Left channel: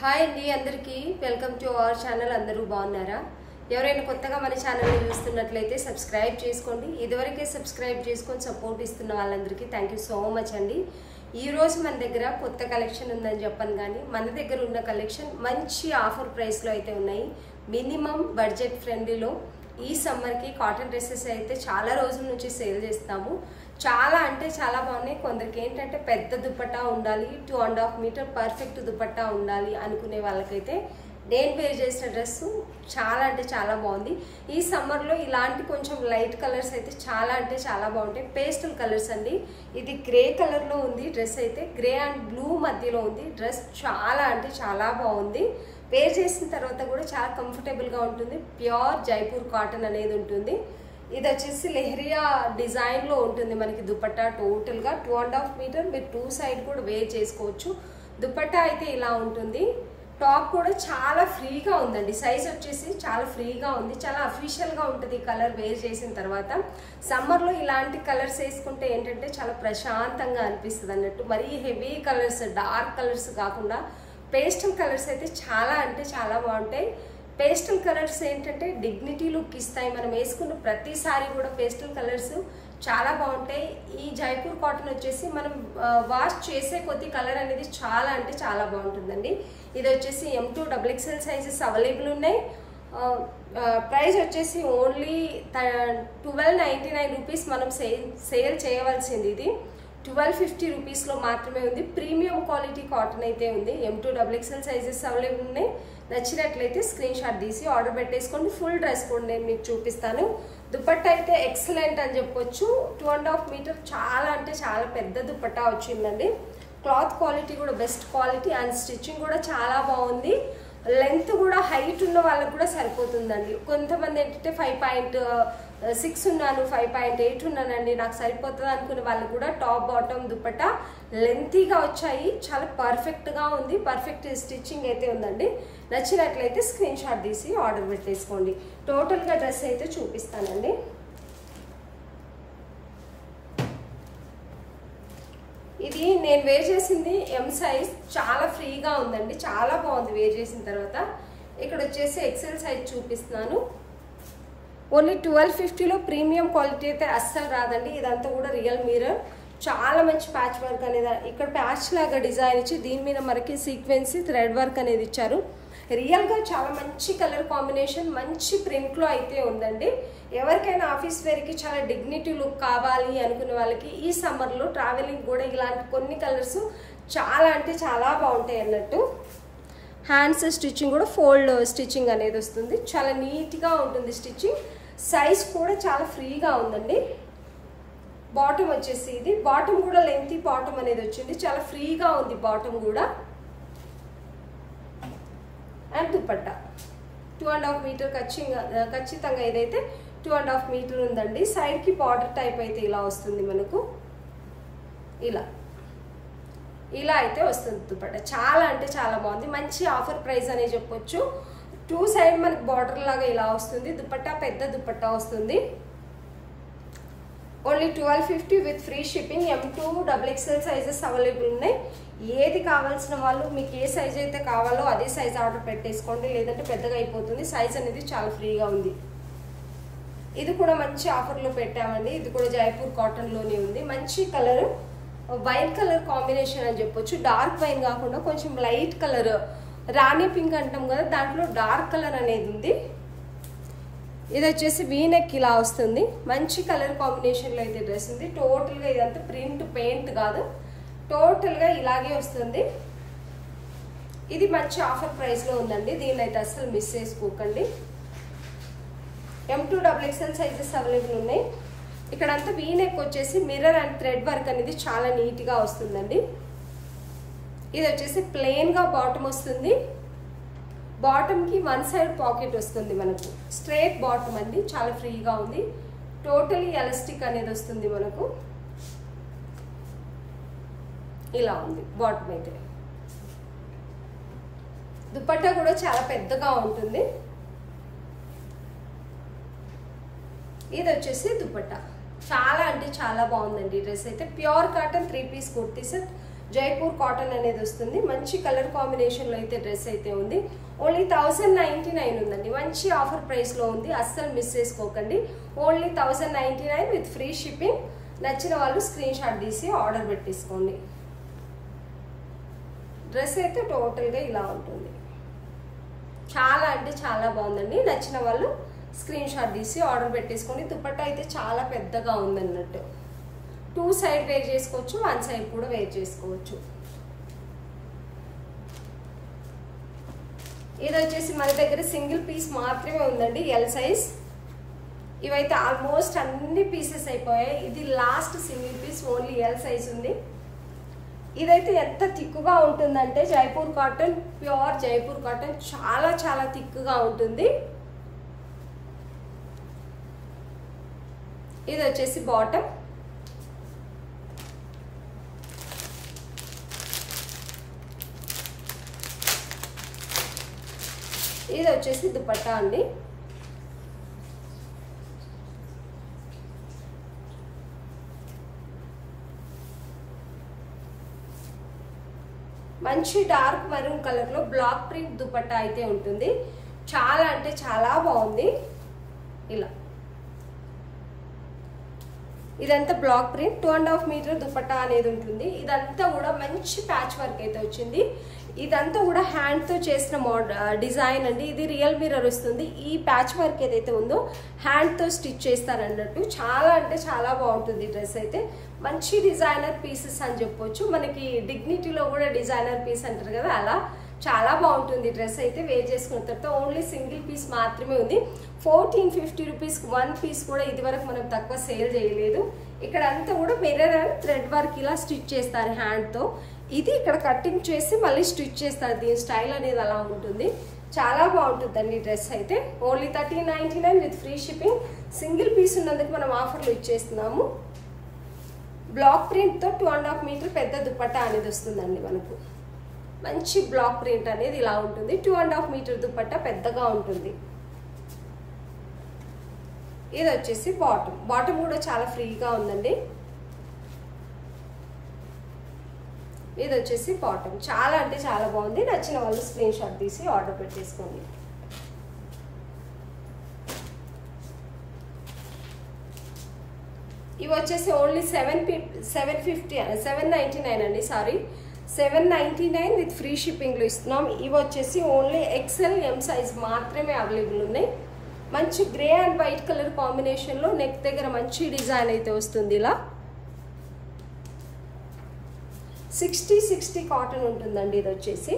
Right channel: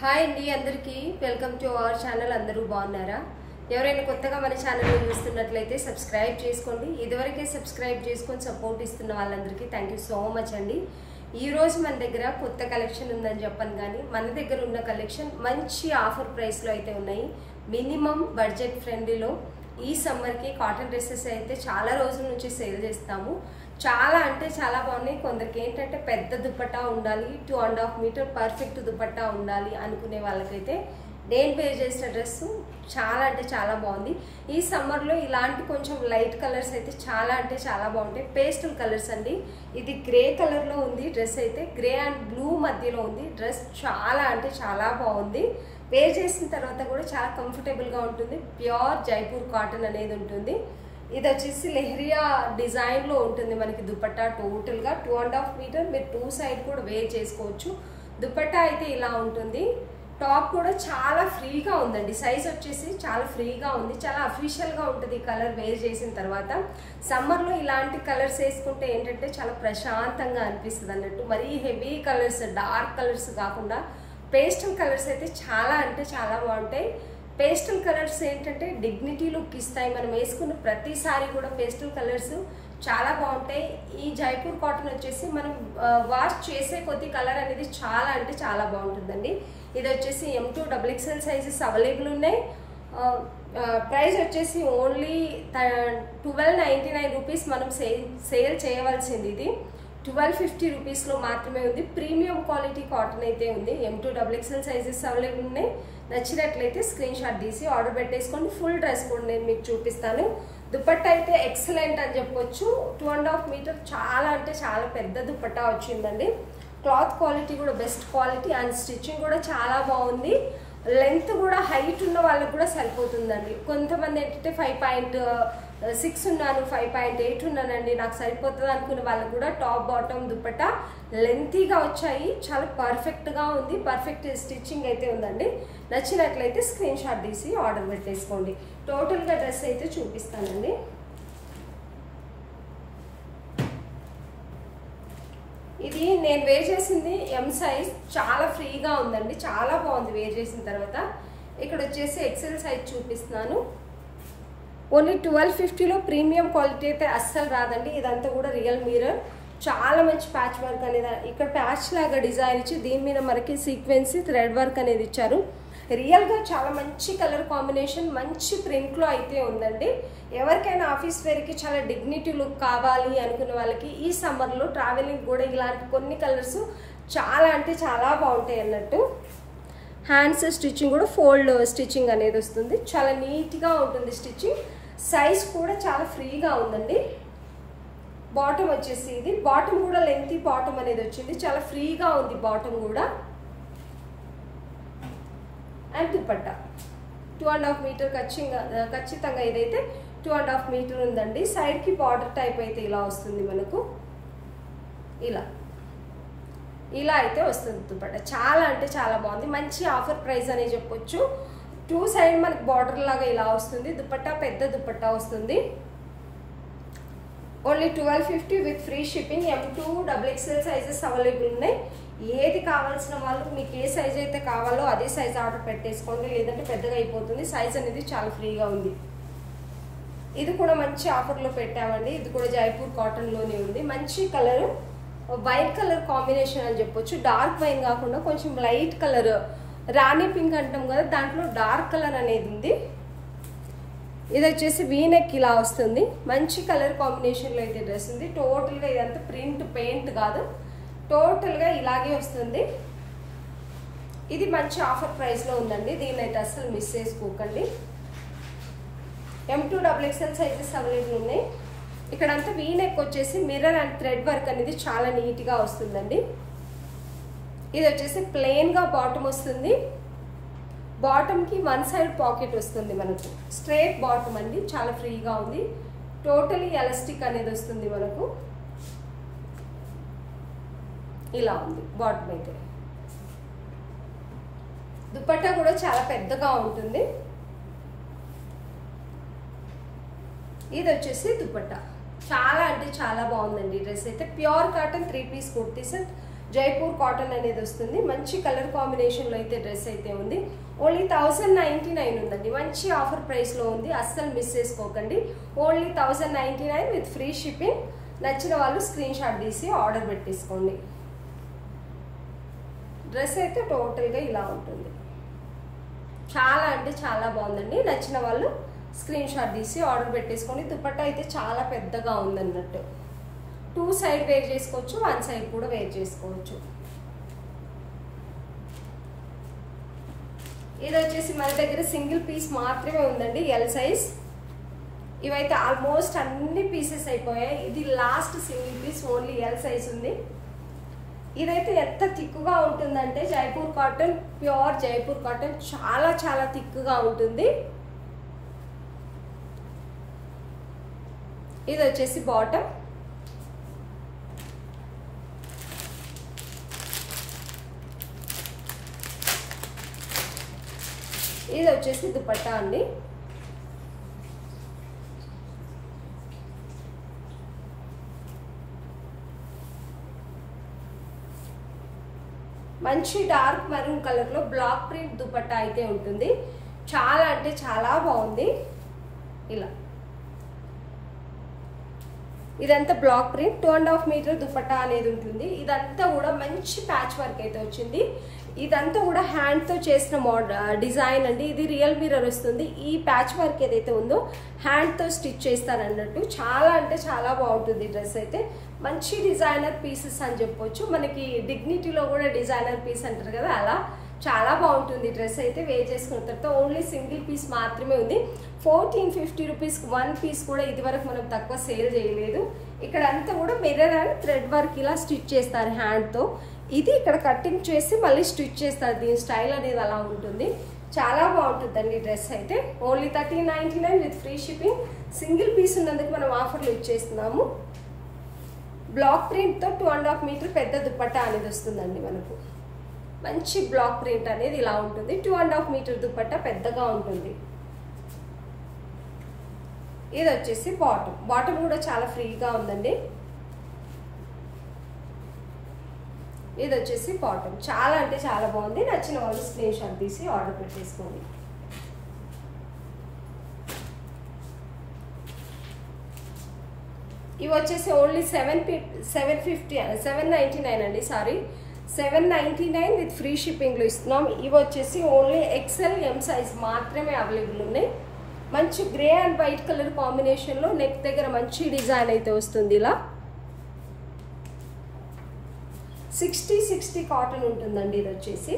Hi అండి అందరికీ welcome to our channel. అందరూ బాగున్నారా? ఎవరైనా కొత్తగా మన ఛానల్ని చూస్తున్నట్లయితే సబ్స్క్రైబ్ చేసుకోండి. ఇదివరకే సబ్స్క్రైబ్ చేసుకొని సపోర్ట్ ఇస్తున్న వాళ్ళందరికీ థ్యాంక్ యూ సో మచ్ అండి. ఈరోజు మన దగ్గర కొత్త కలెక్షన్ ఉందని చెప్పను, కానీ మన దగ్గర ఉన్న కలెక్షన్ మంచి ఆఫర్ ప్రైస్లో అయితే ఉన్నాయి. మినిమం బడ్జెట్ ఫ్రెండ్లీలో ఈ సమ్మర్కి కాటన్ డ్రెస్సెస్ అయితే చాలా రోజుల నుంచి సేల్ చేస్తాము. చాలా అంటే చాలా బాగున్నాయి. కొందరికి ఏంటంటే పెద్ద దుపట్టా ఉండాలి, 2.5 మీటర్ పర్ఫెక్ట్ దుపట్టా ఉండాలి అనుకునే వాళ్ళకైతే నేను వేర్ చేసిన డ్రెస్ చాలా అంటే చాలా బాగుంది. ఈ సమ్మర్లో ఇలాంటి కొంచెం లైట్ కలర్స్ అయితే చాలా అంటే చాలా బాగుంటాయి. పేస్టల్ కలర్స్ అండి. ఇది గ్రే కలర్లో ఉంది డ్రెస్, అయితే గ్రే అండ్ బ్లూ మధ్యలో ఉంది డ్రెస్. చాలా అంటే చాలా బాగుంది. వేర్ చేసిన తర్వాత కూడా చాలా కంఫర్టబుల్గా ఉంటుంది. ప్యూర్ జైపూర్ కాటన్ అనేది ఉంటుంది. ఇది వచ్చేసి లెహరియా డిజైన్లో ఉంటుంది మనకి దుపట్టా. టోటల్గా 2.5 మీటర్, మీరు 2 సైడ్ కూడా వేర్ చేసుకోవచ్చు. దుపట్టా అయితే ఇలా ఉంటుంది. టాప్ కూడా చాలా ఫ్రీగా ఉందండి. సైజ్ వచ్చేసి చాలా ఫ్రీగా ఉంది. చాలా అఫీషియల్గా ఉంటుంది ఈ కలర్ వేర్ చేసిన తర్వాత. సమ్మర్లో ఇలాంటి కలర్స్ వేసుకుంటే ఏంటంటే చాలా ప్రశాంతంగా అనిపిస్తుంది అన్నట్టు. మరీ హెవీ కలర్స్, డార్క్ కలర్స్ కాకుండా పేస్టల్ కలర్స్ అయితే చాలా అంటే చాలా బాగుంటాయి. పేస్టల్ కలర్స్ ఏంటంటే డిగ్నిటీ లుక్ ఇస్తాయి. మనం వేసుకున్న ప్రతిసారి కూడా పేస్టల్ కలర్స్ చాలా బాగుంటాయి. ఈ జైపూర్ కాటన్ వచ్చేసి మనం వాష్ చేసే కొద్ది కలర్ అనేది చాలా అంటే చాలా బాగుంటుందండి. ఇది వచ్చేసి M2 XXL సైజెస్ అవైలబుల్ ఉన్నాయి. ప్రైస్ వచ్చేసి ఓన్లీ 1299 రూపీస్ మనం సేల్ చేయవలసింది. ఇది 1250 రూపీస్లో మాత్రమే ఉంది. ప్రీమియం క్వాలిటీ కాటన్ అయితే ఉంది. M2 XXL సైజెస్ అవైలబుల్ ఉన్నాయి. నచ్చినట్లయితే స్క్రీన్ షాట్ తీసి ఆర్డర్ పెట్టేసుకోండి. ఫుల్ డ్రెస్ కూడా నేను మీకు చూపిస్తాను. దుపట్టా అయితే ఎక్సలెంట్ అని చెప్పొచ్చు. 2.5 మీటర్ చాలా అంటే చాలా పెద్ద దుపట్టా వచ్చిందండి. క్లాత్ క్వాలిటీ కూడా బెస్ట్ క్వాలిటీ అండ్ స్టిచ్చింగ్ కూడా చాలా బాగుంది. లెంత్ కూడా హైట్ ఉన్న వాళ్ళకి కూడా సరిపోతుందండి. కొంతమంది ఏంటంటే 5.6 ఉన్నాను, 5.8 ఉన్నానండి, నాకు సరిపోతుంది అనుకునే వాళ్ళకి కూడా టాప్ బాటమ్ దుపట్టా లెంతీగా వచ్చాయి. చాలా పర్ఫెక్ట్గా ఉంది. పర్ఫెక్ట్ స్టిచ్చింగ్ అయితే ఉందండి. నచ్చినట్లయితే స్క్రీన్ షాట్ తీసి ఆర్డర్ పెట్టేసుకోండి. టోటల్గా డ్రెస్ అయితే చూపిస్తానండి. ఇది నేను వేర్ చేసింది M సైజ్. చాలా ఫ్రీగా ఉందండి. చాలా బాగుంది వేర్ చేసిన తర్వాత. ఇక్కడ వచ్చేసి XL సైజ్ చూపిస్తున్నాను. ఓన్లీ 1250లో ప్రీమియం క్వాలిటీ అయితే అస్సలు రాదండి. ఇదంతా కూడా రియల్ మిర్రర్. చాలా మంచి ప్యాచ్ వర్క్ అనేది, ఇక్కడ ప్యాచ్ లాగా డిజైన్ ఇచ్చి దీని మీద మనకి సీక్వెన్స్ థ్రెడ్ వర్క్ అనేది ఇచ్చారు. రియల్గా చాలా మంచి కలర్ కాంబినేషన్, మంచి ప్రింట్లో అయితే ఉందండి. ఎవరికైనా ఆఫీస్ వేర్కి చాలా డిగ్నిటీ లుక్ కావాలి అనుకునే వాళ్ళకి ఈ సమ్మర్లో ట్రావెలింగ్ కూడా ఇలాంటి కొన్ని కలర్స్ చాలా అంటే చాలా బాగుంటాయి అన్నట్టు. హ్యాండ్స్ స్టిచ్చింగ్ కూడా ఫోల్డ్ స్టిచ్చింగ్ అనేది వస్తుంది. చాలా నీట్గా ఉంటుంది స్టిచ్చింగ్. సైజ్ కూడా చాలా ఫ్రీగా ఉందండి. బాటమ్ వచ్చేసి ఇది బాటమ్ కూడా లెంతీ బాటమ్ అనేది వచ్చింది. చాలా ఫ్రీగా ఉంది బాటమ్ కూడా. అండ్ దుపట్టా 2.5 మీటర్ ఖచ్చితంగా ఇదైతే 2.5 మీటర్ ఉందండి. సైడ్కి బార్డర్ టైప్ అయితే ఇలా వస్తుంది మనకు. ఇలా అయితే వస్తుంది దుపట్టా. చాలా అంటే చాలా బాగుంది. మంచి ఆఫర్ ప్రైస్ అనే చెప్పొచ్చు. 2 సైడ్ మనకి బార్డర్ లాగా ఇలా వస్తుంది. దుపట్టా పెద్ద దుపట్టా వస్తుంది. Only 1250 with free shipping. M2 XXL sizes available ఉన్నాయి. ఏది కావాల్సిన వాళ్ళు మీకు ఏ సైజ్ అయితే కావాలో అదే సైజ్ ఆర్డర్ పెట్టేసుకోండి, లేదంటే పెద్దగా అయిపోతుంది. సైజ్ అనేది చాలా ఫ్రీగా ఉంది. ఇది కూడా మంచి ఆఫర్లో పెట్టామండి. ఇది కూడా జైపూర్ కాటన్లోనే ఉంది. మంచి కలర్, వైట్ కలర్ కాంబినేషన్ అని చెప్పొచ్చు. డార్క్ వైన్ కాకుండా కొంచెం లైట్ కలర్, రాణి పింక్ అంటాం కదా, దాంట్లో డార్క్ కలర్ అనేది ఉంది. ఇది వచ్చేసి వీనెక్ ఇలా వస్తుంది. మంచి కలర్ కాంబినేషన్లో అయితే డ్రెస్ ఉంది. టోటల్గా ఇదంతా ప్రింట్ పెయింట్ కాదు, టోటల్గా ఇలాగే వస్తుంది. ఇది మంచి ఆఫర్ ప్రైస్లో ఉందండి. దీన్ని అయితే అస్సలు మిస్ చేసుకోకండి. M2 XXL సైజెస్ అవైలబుల్ ఉన్నాయి. ఇక్కడంతా వీనెక్ వచ్చేసి మిర్రర్ అండ్ థ్రెడ్ వర్క్ అనేది చాలా నీట్గా వస్తుందండి. ఇది వచ్చేసి ప్లెయిన్గా బాటమ్ వస్తుంది. బాటమ్కి 1 సైడ్ పాకెట్ వస్తుంది మనకు. స్ట్రైట్ బాటమ్ అండి. చాలా ఫ్రీగా ఉంది. టోటలీ ఎలాస్టిక్ అనేది వస్తుంది మనకు. ఇలా ఉంది బాటమ్ అయితే. దుపట్టా కూడా చాలా పెద్దగా ఉంటుంది. ఇది వచ్చేసి దుపట్టా. చాలా అంటే చాలా బాగుందండి డ్రెస్ అయితే. Pure cotton 3 piece kurti set. Jaipur cotton అనేది వస్తుంది. మంచి కలర్ కాంబినేషన్ లో అయితే డ్రెస్ అయితే ఉంది. ఓన్లీ 1099 ఉందండి. మంచి ఆఫర్ ప్రైస్ లో ఉంది, అస్సలు మిస్ చేసుకోకండి. Only 1099 with free shipping. నచ్చిన వాళ్ళు స్క్రీన్ షాట్ తీసి ఆర్డర్ పెట్టేసుకోండి. డ్రెస్ అయితే టోటల్ గా ఇలా ఉంటుంది. చాలా అంటే చాలా బాగుందండి. నచ్చిన వాళ్ళు స్క్రీన్ షాట్ తీసి ఆర్డర్ పెట్టేసుకోండి. దుపట్టా అయితే చాలా పెద్దగా ఉందన్నట్టు. 2 సైడ్ వేర్ చేసుకోవచ్చు, 1 సైడ్ కూడా వేర్ చేసుకోవచ్చు. ఇది వచ్చేసి మన దగ్గర సింగిల్ పీస్ మాత్రమే ఉందండి, ఎల్ సైజ్. ఇవైతే ఆల్మోస్ట్ అన్ని పీసెస్ అయిపోయాయి. ఇది last single piece, only L size ఉంది. ఇదైతే ఎంత థిక్గా ఉంటుందంటే Jaipur cotton, pure Jaipur cotton, చాలా చాలా థిక్గా ఉంటుంది. ఇది వచ్చేసి బాటమ్. ఇది వచ్చేసి దుపట్టా అండి. మంచి డార్క్ మెరూన్ కలర్ లో బ్లాక్ ప్రింట్ దుపట్టా అయితే ఉంటుంది. చాలా అంటే చాలా బాగుంది. ఇలా ఇదంతా బ్లాక్ ప్రింట్, 2.5 మీటర్ దుపట్టా అనేది ఉంటుంది. ఇదంతా కూడా మంచి ప్యాచ్ వర్క్ అయితే వచ్చింది. ఇదంతా కూడా హ్యాండ్ తో చేసిన డిజైన్ అండి. ఇది రియల్ మిర్రర్ వస్తుంది. ఈ ప్యాచ్ వర్క్ ఏదైతే ఉందో హ్యాండ్ తో స్టిచ్ చేస్తారన్నట్టు. చాలా అంటే చాలా బాగుంటుంది డ్రెస్ అయితే. మంచి డిజైనర్ పీసెస్ అని చెప్పొచ్చు. మనకి డిగ్నిటీలో కూడా డిజైనర్ పీస్ అంటారు కదా, అలా చాలా బాగుంటుంది డ్రెస్ అయితే. వేర్ చేసుకున్న తర్వాత ఓన్లీ సింగిల్ పీస్ మాత్రమే ఉంది. 1450 రూపీస్ 1 పీస్ కూడా ఇది వరకు మనం తక్కువ సేల్ చేయలేదు. ఇక్కడ అంతా కూడా మిర్రర్ అండ్ థ్రెడ్ వర్క్ ఇలా స్టిచ్ చేస్తారు హ్యాండ్ తో. ఇది ఇక్కడ కటింగ్ చేసి మళ్ళీ స్టిచ్ చేస్తారు. దీని స్టైల్ అనేది అలా ఉంటుంది. చాలా బాగుంటుందండి డ్రెస్ అయితే. Only 1399 with free shipping. Single piece ఉన్నందుకు మనం ఆఫర్లు ఇచ్చేస్తున్నాము. బ్లాక్ ప్రింట్ తో 2.5 మీటర్ పెద్ద దుపట్టా అనేది వస్తుందండి మనకు. మంచి బ్లాక్ ప్రింట్ అనేది ఇలా ఉంటుంది. 2.5 మీటర్ దుపట్టా పెద్దగా ఉంటుంది. ఇది వచ్చేసి బాటమ్. బాటమ్ కూడా చాలా ఫ్రీగా ఉందండి. ఇది వచ్చేసి బాటమ్. చాలా అంటే చాలా బాగుంది. నచ్చిన వాళ్ళు స్క్రీన్ షాట్ తీసి ఆర్డర్ పెట్టేసుకోండి. ఇవి వచ్చేసి ఓన్లీ 799 అండి. సారీ, 799 విత్ ఫ్రీ షిప్పింగ్ లో ఇస్తున్నాం. ఇవి వచ్చేసి ఓన్లీ XL M సైజ్ మాత్రమే అవైలబుల్ ఉన్నాయి. మంచి grey and white colour combination లో నెక్ దగ్గర మంచి డిజైన్ అయితే వస్తుంది. ఇలా 60 కాటన్ ఉంటుందండి. ఇది వచ్చేసి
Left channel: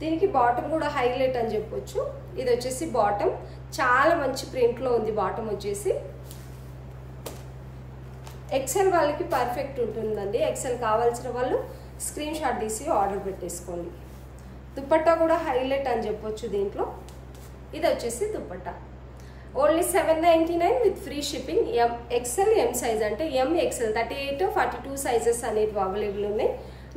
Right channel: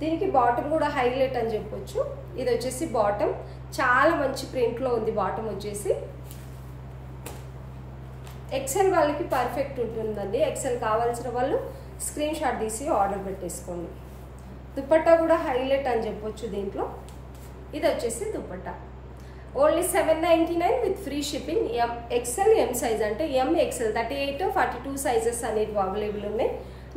దీనికి బాటమ్ కూడా హైలైట్ అని చెప్పొచ్చు. ఇది వచ్చేసి బాటమ్. చాలా మంచి ప్రింట్ లో ఉంది బాటమ్ వచ్చేసి. XL వాళ్ళకి పర్ఫెక్ట్ ఉంటుందండి. XL కావాల్సిన వాళ్ళు స్క్రీన్ షాట్ తీసి ఆర్డర్ పెట్టేసుకోండి. దుపట్టా కూడా హైలైట్ అని చెప్పొచ్చు దీంట్లో. ఇది వచ్చేసి dupatta. Only 799 with free shipping. XL M size అంటే MXL 38 42 సైజెస్ అనేవి అవైలబుల్ ఉన్నాయి.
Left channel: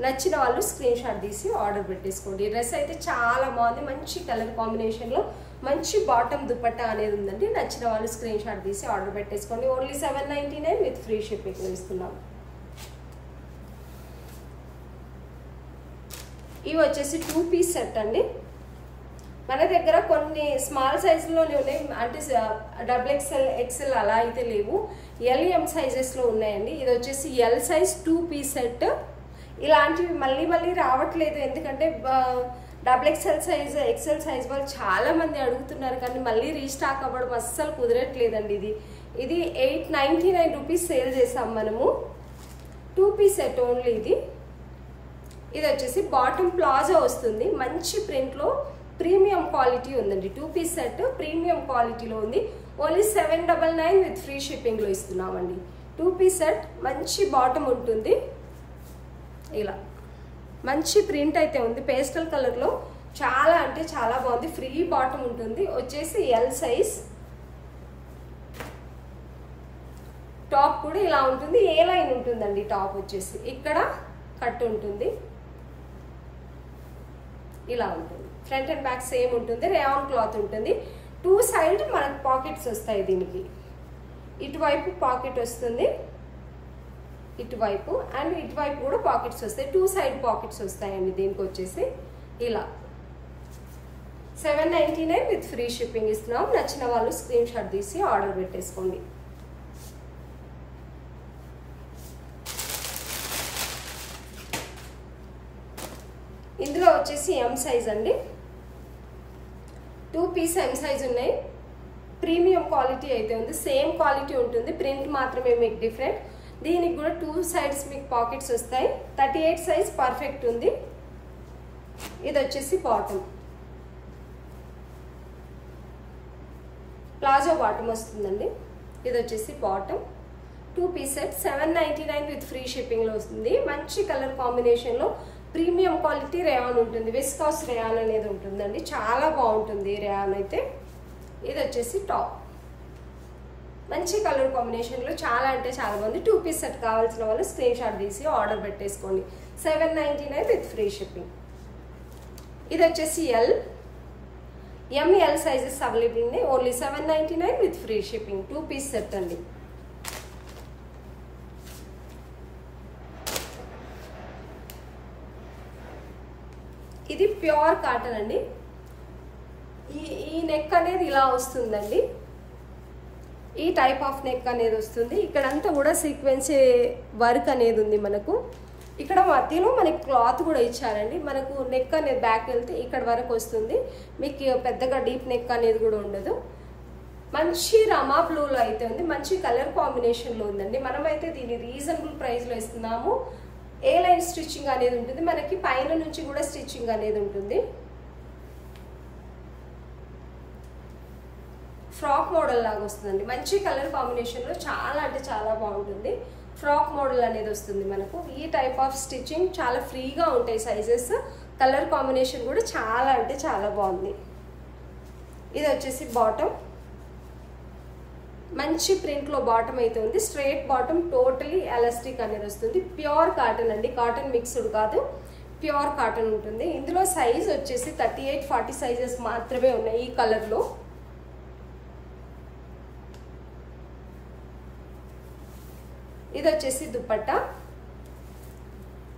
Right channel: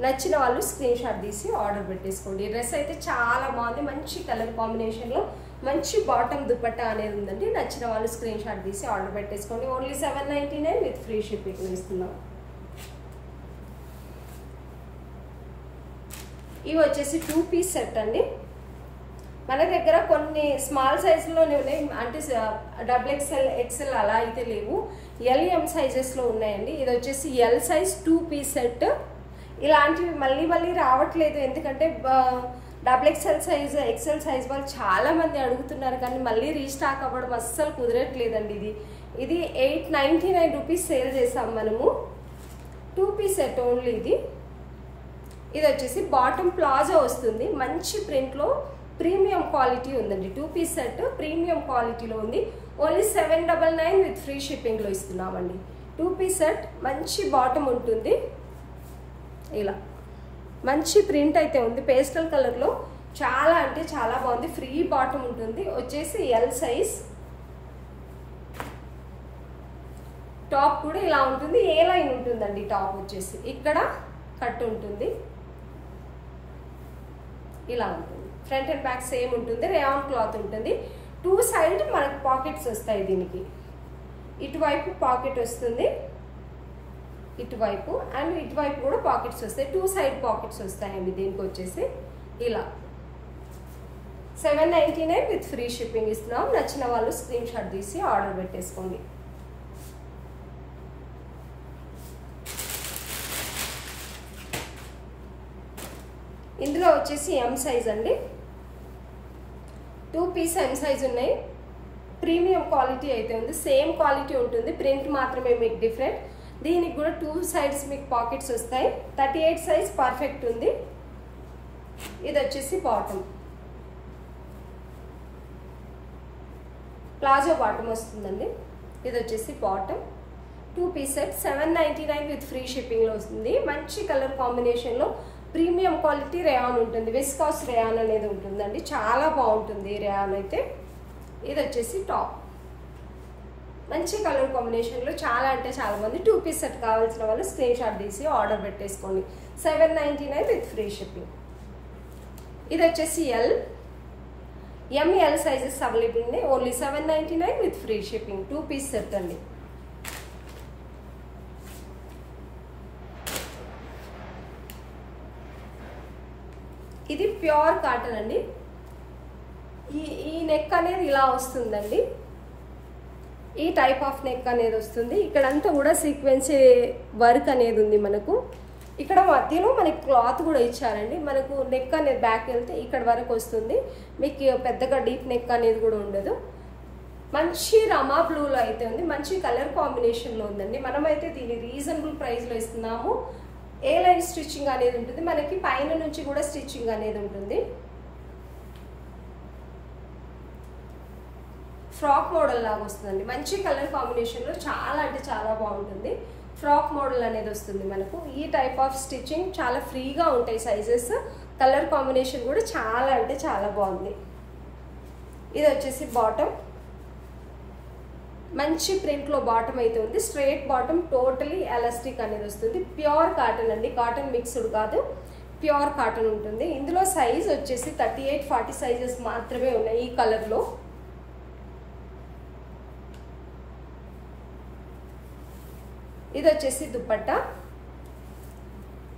నచ్చిన వాళ్ళు స్క్రీన్ షాట్ తీసి ఆర్డర్ పెట్టేసుకోండి. డ్రెస్ అయితే చాలా బాగుంది. మంచి కలర్ కాంబినేషన్ లో మంచి బాటమ్ దుపట్టా అనేది ఉందండి. నచ్చిన వాళ్ళు స్క్రీన్ షాట్ తీసి ఆర్డర్ పెట్టేసుకోండి. ఓన్లీ 799 విత్ ఫ్రీ షిప్పింగ్ ఇస్తున్నాం. ఇవి వచ్చేసి 2 పీస్ సెట్ అండి. మన దగ్గర కొన్ని స్మాల్ సైజులోనే ఉన్నాయి. అంటే XXL XL అలా అయితే లేవు. LM సైజెస్లో ఉన్నాయండి. ఇది వచ్చేసి L సైజ్ 2 పీస్ సెట్. ఇలాంటివి మళ్ళీ మళ్ళీ రావట్లేదు. ఎందుకంటే XXL సైజ్ XL సైజ్ వాళ్ళు చాలా మంది అడుగుతున్నారు, కానీ మళ్ళీ రీస్టాక్ అవ్వడం అస్సలు కుదరట్లేదండి. ఇది 899 రూపీస్ సేల్ చేసాం మనము. 2 పీస్ సెట్ ఓన్లీ ఇది. ఇది వచ్చేసి బాటమ్ ప్లాజో వస్తుంది. మంచి ప్రింట్లో ప్రీమియం క్వాలిటీ ఉందండి. 2 పీస్ సెట్ ప్రీమియం క్వాలిటీలో ఉంది. ఓన్లీ 799 విత్ ఫ్రీ షిప్పింగ్లో ఇస్తున్నామండి. 2 పీస్ సెట్ మంచి బాటమ్ ఉంటుంది. ఇలా మంచి ప్రింట్ అయితే ఉంది. పేస్టల్ కలర్లో చాలా అంటే చాలా బాగుంది. ఫ్రీ బాటమ్ ఉంటుంది. వచ్చేసి L సైజ్. టాప్ కూడా ఇలా ఉంటుంది. ఏ లైన్ ఉంటుందండి టాప్ వచ్చేసి. ఇక్కడ కట్ ఉంటుంది. ఇలా ఉంటుంది. ఫ్రంట్ అండ్ బ్యాక్ సేమ్ ఉంటుంది. రేయాన్ క్లాత్ ఉంటుంది. 2 సైడ్ మనకు పాకెట్స్ వస్తాయి. దీనికి ఇటువైపు పాకెట్ వస్తుంది. ఇటువైపు అండ్ ఇటువైపు కూడా పాకెట్స్ వస్తాయి, 2 సైడ్ పాకెట్స్ వస్తాయండి. దీనికి వచ్చేసి ఇలా 799 విత్ ఫ్రీ షిప్పింగ్ ఇస్తున్నాం. నచ్చిన వాళ్ళు స్క్రీన్ షాట్ తీసి ఆర్డర్ పెట్టేసుకోండి. ఇందులో వచ్చేసి ఎం సైజ్ అండి, 2 పీస్ ఎం సైజ్ ఉన్నాయి. ప్రీమియం క్వాలిటీ అయితే ఉంది, సేమ్ క్వాలిటీ ఉంటుంది, ప్రింట్ మాత్రమే మీకు డిఫరెంట్. దీనికి కూడా 2 సైడ్స్ మీకు పాకెట్స్ వస్తాయి. 38 సైజ్ పర్ఫెక్ట్ ఉంది. ఇది వచ్చేసి బాటమ్, ప్లాజో బాటమ్ వస్తుందండి. ఇది వచ్చేసి bottom, 2 piece set 799 with free shipping లో వస్తుంది. మంచి కలర్ కాంబినేషన్ లో ప్రీమియం క్వాలిటీ రేయాన్ ఉంటుంది, విస్కాస్ రేయాన్ అనేది ఉంటుందండి. చాలా బాగుంటుంది రేయాన్ అయితే. ఇది వచ్చేసి టాప్, మంచి కలర్ కాంబినేషన్ లో చాలా అంటే చాలా మంది 2 పీస్ సెట్ కావాల్సిన వాళ్ళు స్క్రీన్ షాట్ తీసి ఆర్డర్ పెట్టేసుకోండి. 799 విత్ ఫ్రీ షిప్పింగ్. ఇది వచ్చేసి ఎల్, ఎంఎల్ సైజెస్ అవైలబుల్ ఉన్నాయి. Only 799 with free shipping, 2 piece set అండి. ఇది ప్యూర్ కాటన్ అండి. ఈ నెక్ అనేది ఇలా వస్తుందండి, ఈ టైప్ ఆఫ్ నెక్ అనేది వస్తుంది. ఇక్కడంతా కూడా సీక్వెన్సీ వర్క్ అనేది ఉంది మనకు. ఇక్కడ మధ్యలో మనకి క్లాత్ కూడా ఇచ్చారండి. మనకు నెక్ అనేది బ్యాక్ వెళ్తే ఇక్కడ వరకు వస్తుంది, మీకు పెద్దగా డీప్ నెక్ అనేది కూడా ఉండదు. మంచి రమా బ్లూలో అయితే ఉంది, మంచి కలర్ కాంబినేషన్లో ఉందండి. మనమైతే దీన్ని రీజనబుల్ ప్రైస్లో ఇస్తున్నాము. ఏ లైన్ స్టిచ్చింగ్ అనేది ఉంటుంది, మనకి పైన నుంచి కూడా స్టిచ్చింగ్ అనేది ఉంటుంది. ఫ్రాక్ మోడల్ లాగా వస్తుందండి, మంచి కలర్ కాంబినేషన్లో చాలా అంటే చాలా బాగుంటుంది. ఫ్రాక్ మోడల్ అనేది వస్తుంది మనకు. ఈ టైప్ ఆఫ్ స్టిచ్చింగ్ చాలా ఫ్రీగా ఉంటాయి సైజెస్. కలర్ కాంబినేషన్ కూడా చాలా అంటే చాలా బాగుంది. ఇది వచ్చేసి బాటమ్, మంచి ప్రింట్లో బాటమ్ అయితే ఉంది. స్ట్రైట్ బాటమ్, టోటలీ ఎలాస్టిక్ అనేది వస్తుంది. ప్యూర్ కాటన్ అండి, కాటన్ మిక్స్డ్ కాదు, ప్యూర్ కాటన్ ఉంటుంది. ఇందులో సైజ్ వచ్చేసి 38, 40 సైజెస్ మాత్రమే ఉన్నాయి ఈ కలర్లో. ఇది వచ్చేసి దుపట్టా,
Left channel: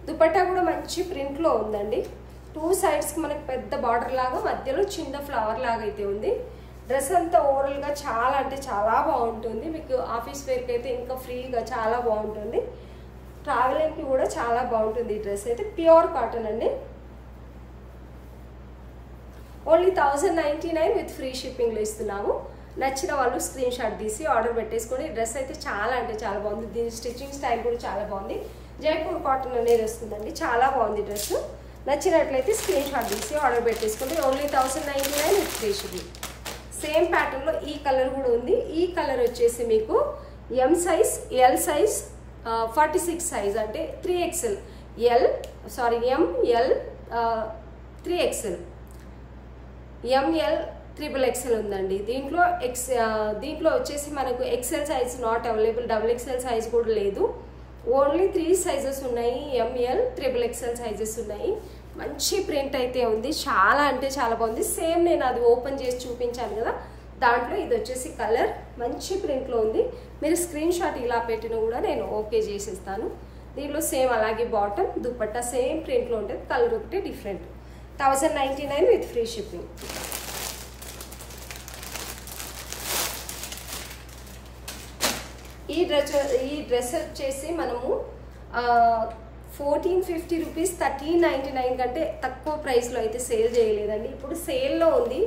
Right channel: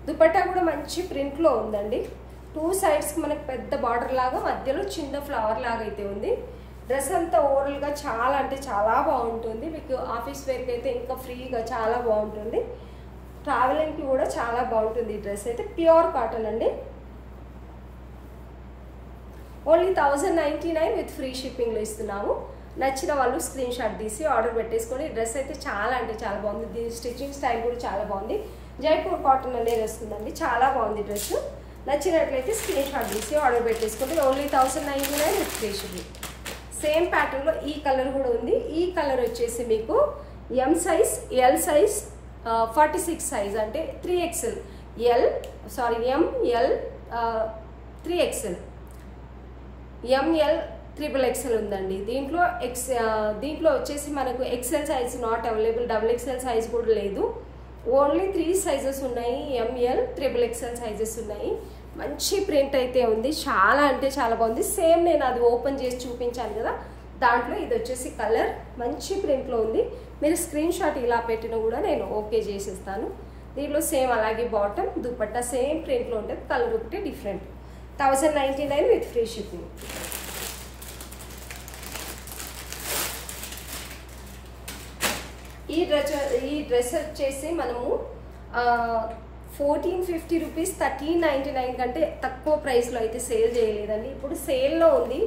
దుపట్టా కూడా మంచి ప్రింట్లో ఉందండి. 2 సైడ్స్కి మనకు పెద్ద బార్డర్ లాగా, మధ్యలో చిన్న ఫ్లవర్ లాగా అయితే ఉంది. డ్రెస్ అంతా ఓవరాల్గా చాలా అంటే చాలా బాగుంటుంది. మీకు ఆఫీస్ వేర్కి అయితే ఇంకా ఫ్రీగా చాలా బాగుంటుంది. ట్రావెలింగ్కి కూడా చాలా బాగుంటుంది. ఈ డ్రెస్ అయితే ప్యూర్ కాటన్ అండి. ఓన్లీ 1099 విత్ ఫ్రీ షిప్పింగ్లో ఇస్తున్నాము. నచ్చిన వాళ్ళు స్క్రీన్ షాట్ తీసి ఆర్డర్ పెట్టేసుకొని. డ్రెస్ అయితే చాలా అంటే చాలా బాగుంది. దీని స్టిచ్చింగ్ స్టైల్ కూడా చాలా బాగుంది. జైపూర్ కాటన్ అనేది వస్తుందండి, చాలా బాగుంది డ్రెస్. నచ్చినట్లయితే స్క్రీన్ షాట్ తీసి ఆర్డర్ పెట్టేసుకోండి. Only 1099 with free shipping. Same ప్యాటర్న్లో ఈ కలర్ కూడా ఉంది. ఈ కలర్ వచ్చేసి మీకు M size, L size, 46 size అంటే 3XL, ML 3XL, ML XXL ఉందండి. దీంట్లో వచ్చేసి మనకు XL size not available, XXL size కూడా లేదు. ఓన్లీ 3 సైజెస్ ఉన్నాయి, ఎంఎల్ XXL సైజెస్ ఉన్నాయి. మంచి ప్రింట్ అయితే ఉంది, చాలా అంటే చాలా బాగుంది. సేమ్ నేను అది ఓపెన్ చేసి చూపించాను కదా, దాంట్లో ఇది వచ్చేసి కలర్ మంచి ప్రింట్లో ఉంది. మీరు స్క్రీన్ షాట్ ఇలా పెట్టినా కూడా నేను ఓకే చేసేస్తాను. దీంట్లో సేమ్ అలాగే బాటమ్, దుపట్టా సేమ్ ప్రింట్లో ఉంటుంది, కలర్ ఒకటి డిఫరెంట్. 1099 with free shipping. ఈ డ్రెస్ వచ్చేసి మనము 1450 రూపీస్, 1399 కంటే తక్కువ ప్రైస్లో అయితే సేల్ చేయలేదండి. ఇప్పుడు సేల్లో ఉంది,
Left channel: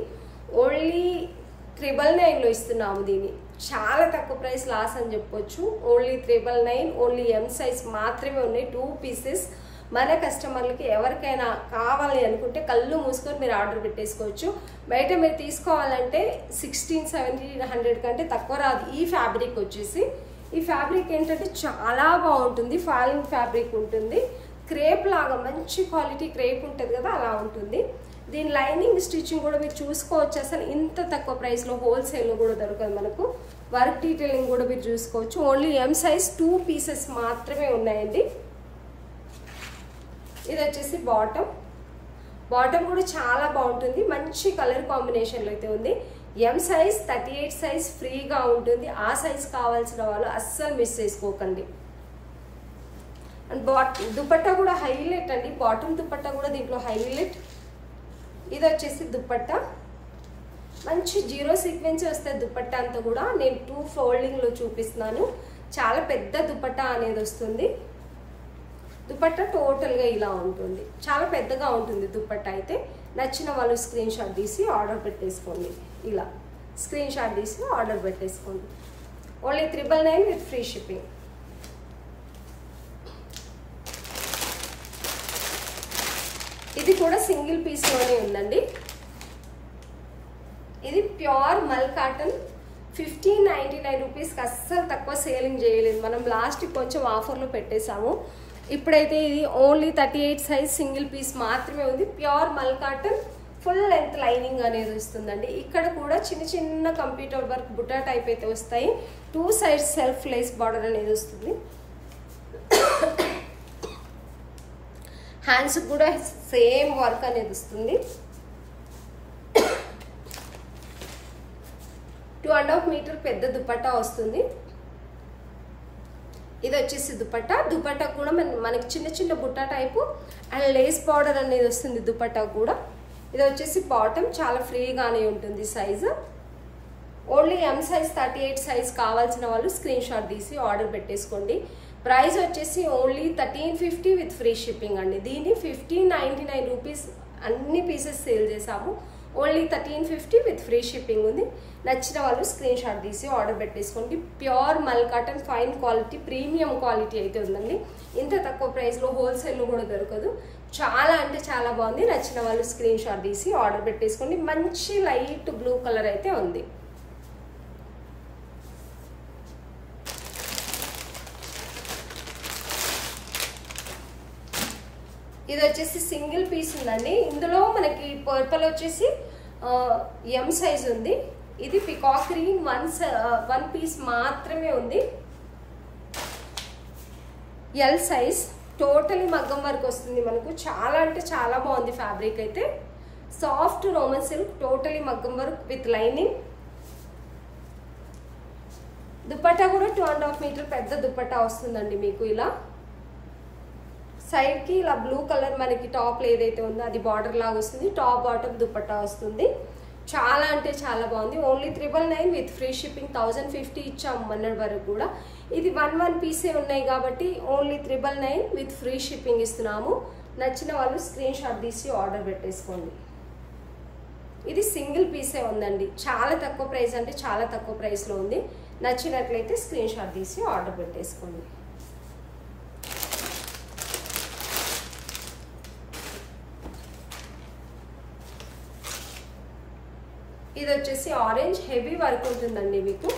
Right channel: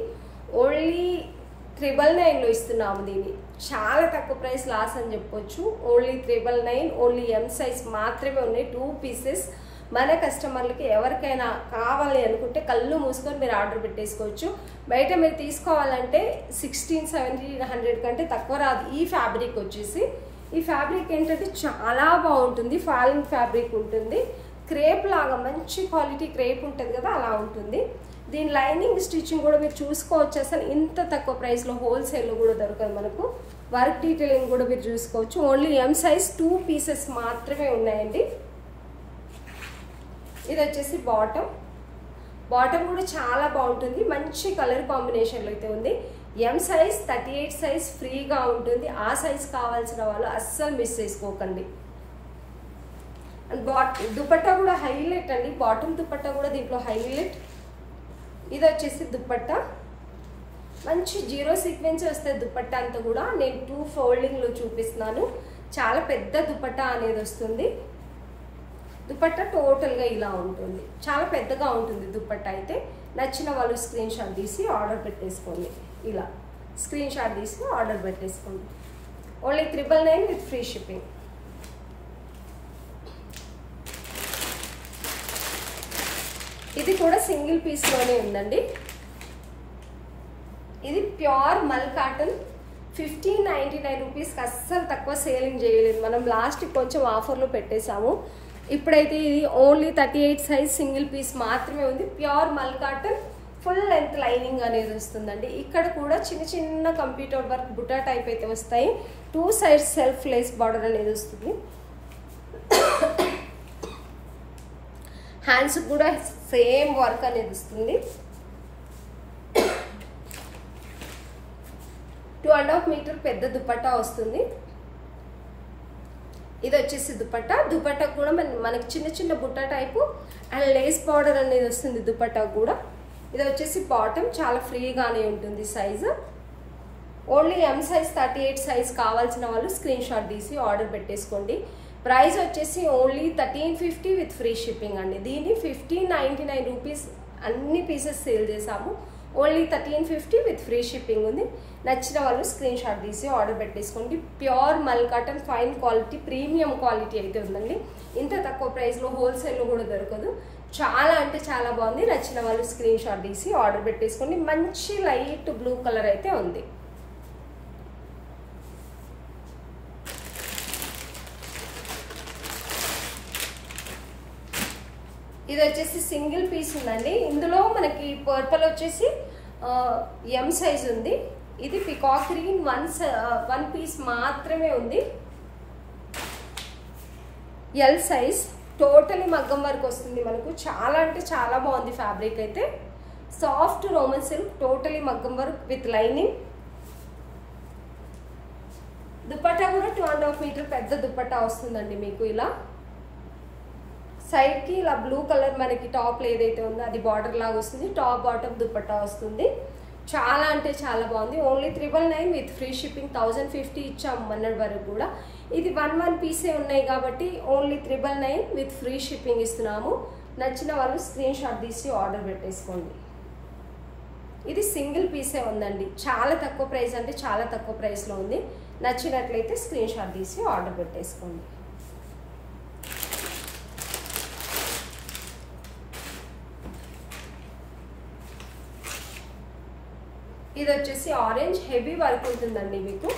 ఓన్లీ 999లో ఇస్తున్నాము. దీన్ని చాలా తక్కువ ప్రైస్ లాస్ అని చెప్పొచ్చు. ఓన్లీ 999, ఓన్లీ ఎం సైజ్ మాత్రమే ఉన్నాయి, 2 పీసెస్. మన కస్టమర్లకి ఎవరికైనా కావాలి అనుకుంటే కళ్ళు మూసుకొని మీరు ఆర్డర్ పెట్టేసుకోవచ్చు. బయట మీరు తీసుకోవాలంటే 1600-1700 కంటే తక్కువ రాదు. ఈ ఫ్యాబ్రిక్ వచ్చేసి, ఈ ఫ్యాబ్రిక్ ఏంటంటే చాలా బాగుంటుంది, ఫాలింగ్ ఫ్యాబ్రిక్ ఉంటుంది. క్రేప్ లాగా మంచి క్వాలిటీ క్రేప్ ఉంటుంది కదా, అలా ఉంటుంది. దీని లైనింగ్ స్టిచ్చింగ్ కూడా మీరు చూసుకోవచ్చు. అసలు ఇంత తక్కువ ప్రైస్లో హోల్సేల్లో కూడా దొరకదు మనకు. వర్క్ డీటెయిలింగ్ కూడా మీరు చూసుకోవచ్చు. ఓన్లీ ఎం సైజ్ 2 పీసెస్ మాత్రమే ఉన్నాయండి. ఇది వచ్చేసి బాటమ్, బాటమ్ కూడా చాలా బాగుంటుంది, మంచి కలర్ కాంబినేషన్లో అయితే ఉంది. ఎం సైజ్ 38 సైజ్ ఫ్రీగా ఉంటుంది. ఆ సైజ్ కావాల్సిన వాళ్ళు అస్సలు మిస్ చేసుకోకండి. దుపట్టా కూడా హైలైట్ అండి, బాటమ్ దుపట్టా కూడా దీంట్లో హైలైట్. ఇది వచ్చేసి దుపట్టా, మంచి జీరో సీక్వెన్స్ వస్తుంది దుపట్టా అంతా కూడా. నేను 2 ఫోల్డింగ్లో చూపిస్తున్నాను. చాలా పెద్ద దుపట్టా అనేది వస్తుంది. దుపట్టా టోటల్గా ఇలా ఉంటుంది, చాలా పెద్దగా ఉంటుంది దుపట్టా. అయితే నచ్చిన వాళ్ళు స్క్రీన్ షాట్ తీసి ఆర్డర్ పెట్టేసుకోండి. ఇలా స్క్రీన్ షాట్ తీసి ఆర్డర్ పెట్టేసుకోండి. Only 999 with free shipping. ఇది కూడా సింగిల్ పీస్లోనే ఉందండి. ఇది ప్యూర్ మల్ కాటన్, 1599 రూపీస్కి అస్సలు తక్కువ సేలింగ్ చేయలేదు. మనం లాస్ట్ కొంచెం ఆఫర్లో పెట్టేశాము. ఇప్పుడైతే ఇది ఓన్లీ 38 సైజ్ సింగిల్ పీస్ మాత్రమే ఉంది. ప్యూర్ మల్ కాటన్, ఫుల్ లెంత్ లైనింగ్ అనేది వస్తుందండి. ఇక్కడ కూడా చిన్న చిన్న కంప్యూటర్ వర్క్ బుట్టా టైప్ అయితే వస్తాయి. 2 సైడ్స్ సెల్ఫ్ లేస్ బార్డర్ అనేది వస్తుంది. హ్యాండ్స్ కూడా సేమ్ వర్క్ అనేది వస్తుంది. 2.5 మీటర్ పెద్ద దుపట్టా వస్తుంది. ఇది వచ్చేసి దుపట్టా. దుపట్టా కూడా మనకి చిన్న చిన్న Butta type and lace border అనేది వస్తుంది దుపట్టా కూడా. ఇది వచ్చేసి బాటమ్, చాలా ఫ్రీగానే ఉంటుంది size. Only M size 38 size కావాల్సిన వాళ్ళు స్క్రీన్ షాట్ తీసి ఆర్డర్ పెట్టేసుకోండి. ప్రైస్ వచ్చేసి ఓన్లీ 1350 విత్ ఫ్రీ షిప్పింగ్ అండి. దీన్ని 1599 రూపీస్ అన్ని పీసెస్ సేల్ చేసాము. ఓన్లీ 1350 విత్ ఫ్రీ షిప్పింగ్ ఉంది. నచ్చిన వాళ్ళు స్క్రీన్ షాట్ తీసి ఆర్డర్ పెట్టేసుకోండి. ప్యూర్ మల్ cotton, fine quality, premium quality అయితే ఉందండి. ఇంత తక్కువ ప్రైస్లో హోల్సేల్లో కూడా దొరకదు. చాలా అంటే చాలా బాగుంది. నచ్చిన వాళ్ళు స్క్రీన్ షాట్ తీసి ఆర్డర్ పెట్టేసుకోండి. మంచి లైట్ బ్లూ కలర్ అయితే ఉంది. ఇది వచ్చేసి సింగిల్ పీస్ ఉందండి. ఇందులో మనకి పర్పుల్ వచ్చేసి ఎం సైజ్ ఉంది. ఇది పికాక్ గ్రీన్ 1 పీస్ మాత్రమే ఉంది. ఎల్ సైజ్, టోటలీ మగ్గం వర్క్ వస్తుంది మనకు. చాలా అంటే చాలా బాగుంది ఫ్యాబ్రిక్ అయితే. సాఫ్ట్ రోమన్ సిల్క్, టోటలీ మగ్గం వర్క్ విత్ లైనింగ్. దుపట్టా కూడా 2.5 మీటర్ పెద్ద దుపట్టా వస్తుందండి మీకు. ఇలా సైడ్ కి ఇలా బ్లూ కలర్ మనకి టాప్ ఏదైతే ఉందో అది బార్డర్ లాగా వస్తుంది. టాప్ బాటమ్ దుపట్టా వస్తుంది. చాలా అంటే చాలా బాగుంది. Only 999 with free shipping. 1050 ఇచ్చాము మొన్నటి వరకు కూడా. ఇది 1 పీసే ఉన్నాయి కాబట్టి ఓన్లీ 999 విత్ ఫ్రీ షిప్పింగ్ ఇస్తున్నాము. నచ్చిన వాళ్ళు స్క్రీన్ షాట్ తీసి ఆర్డర్ పెట్టేసుకోండి. ఇది సింగిల్ పీసే ఉందండి. చాలా తక్కువ ప్రైస్ అంటే చాలా తక్కువ ప్రైస్లో ఉంది. నచ్చినట్లయితే స్క్రీన్ షాట్ తీసి ఆర్డర్ పెట్టేసుకోండి. ఇది వచ్చేసి ఆరెంజ్, హెవీ వర్క్ ఉంటుందండి మీకు.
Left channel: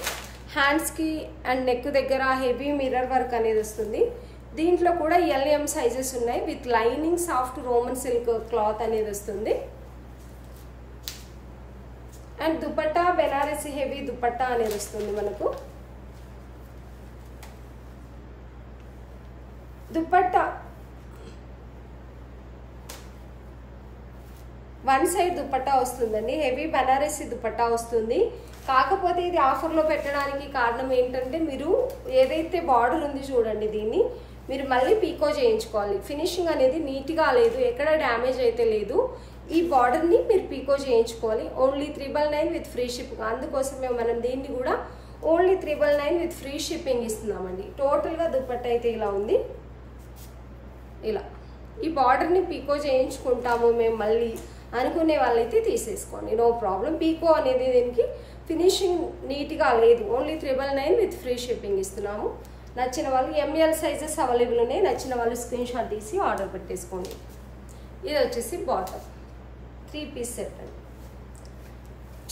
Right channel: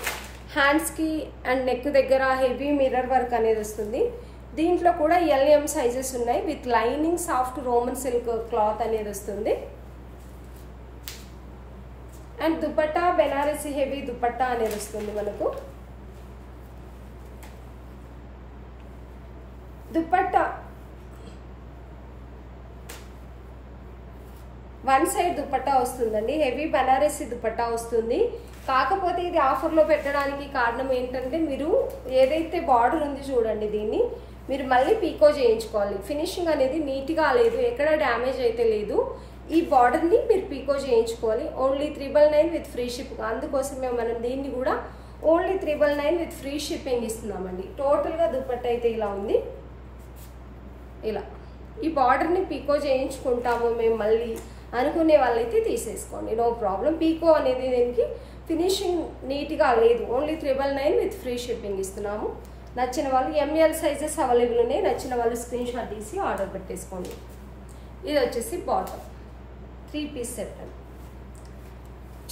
హ్యాండ్స్కి అండ్ నెక్ దగ్గర హెవీ మిర్రర్ వర్క్ అనేది వస్తుంది. దీంట్లో కూడా ఎల్ఎం సైజెస్ ఉన్నాయి. With lining soft Roman silk cloth అనేది వస్తుంది. అండ్ దుపట్టా బెనారసి హెవీ దుపట్టా అనేది వస్తుంది మనకు. దుపట్టా 1 సైడ్ దుపట్టా వస్తుందండి. హెవీ బనారసి దుపట్టా వస్తుంది. కాకపోతే ఇది ఆఫర్లో పెట్టడానికి కారణం ఏంటంటే, మీరు ఏదైతే బార్డర్ ఉంది చూడండి, దీన్ని మీరు మళ్ళీ పీకో చేయించుకోవాలి. ఫినిషింగ్ అనేది నీట్గా లేదు, ఎక్కడ డ్యామేజ్ అయితే లేదు. ఈ బార్డర్ని మీరు పీకో చేయించుకోవాలి. Only 999 with free shipping. అందుకోసమే మనం దీన్ని కూడా ఓన్లీ 999 విత్ ఫ్రీ షిప్పింగ్ ఇస్తున్నామండి. టోటల్గా దుపట్టా అయితే ఇలా ఉంది. ఇలా ఈ బార్డర్ని పీకో చేయించుకుంటాము మేము మళ్ళీ అనుకునే వాళ్ళైతే తీసేసుకోండి, నో ప్రాబ్లం. పీకో అనేది దీనికి ఫినిషింగ్ నీట్గా లేదు. ఓన్లీ 999 విత్ ఫ్రీ షిప్పింగ్ ఇస్తున్నాము. నచ్చిన వాళ్ళు ఎంఎల్ సైజెస్ అవైలబుల్ ఉన్నాయి. నచ్చిన వాళ్ళు స్క్రీన్ షాట్ తీసి ఆర్డర్ పెట్టేసుకోండి. ఇది వచ్చేసి బాటమ్ 3 పీస్ సెట్ అండి.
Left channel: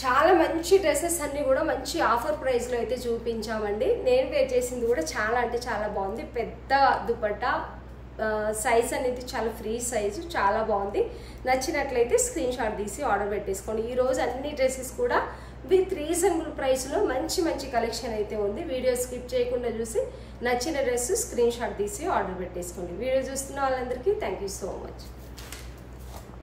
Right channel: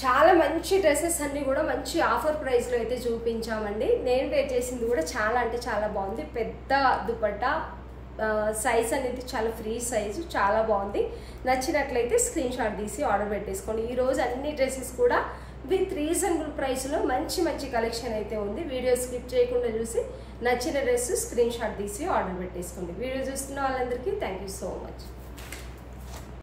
చాలా మంచి డ్రెస్సెస్ అన్నీ కూడా మంచి ఆఫర్ ప్రైస్లో అయితే చూపించామండి. నేను వేర్ చేసింది కూడా చాలా అంటే చాలా బాగుంది. పెద్ద దుపట్టా, సైజ్ అనేది చాలా ఫ్రీ సైజు, చాలా బాగుంది. నచ్చినట్లయితే స్క్రీన్ షాట్ తీసి ఆర్డర్ పెట్టేసుకోండి. ఈరోజు అన్ని డ్రెస్సెస్ కూడా విత్ రీజనబుల్ ప్రైస్లో మంచి మంచి కలెక్షన్ అయితే ఉంది. వీడియో స్కిప్ చేయకుండా చూసి నచ్చిన డ్రెస్ స్క్రీన్ షాట్ తీసి ఆర్డర్ పెట్టేసుకోండి. వీడియో చూస్తున్న వాళ్ళందరికీ థ్యాంక్ యూ సో మచ్.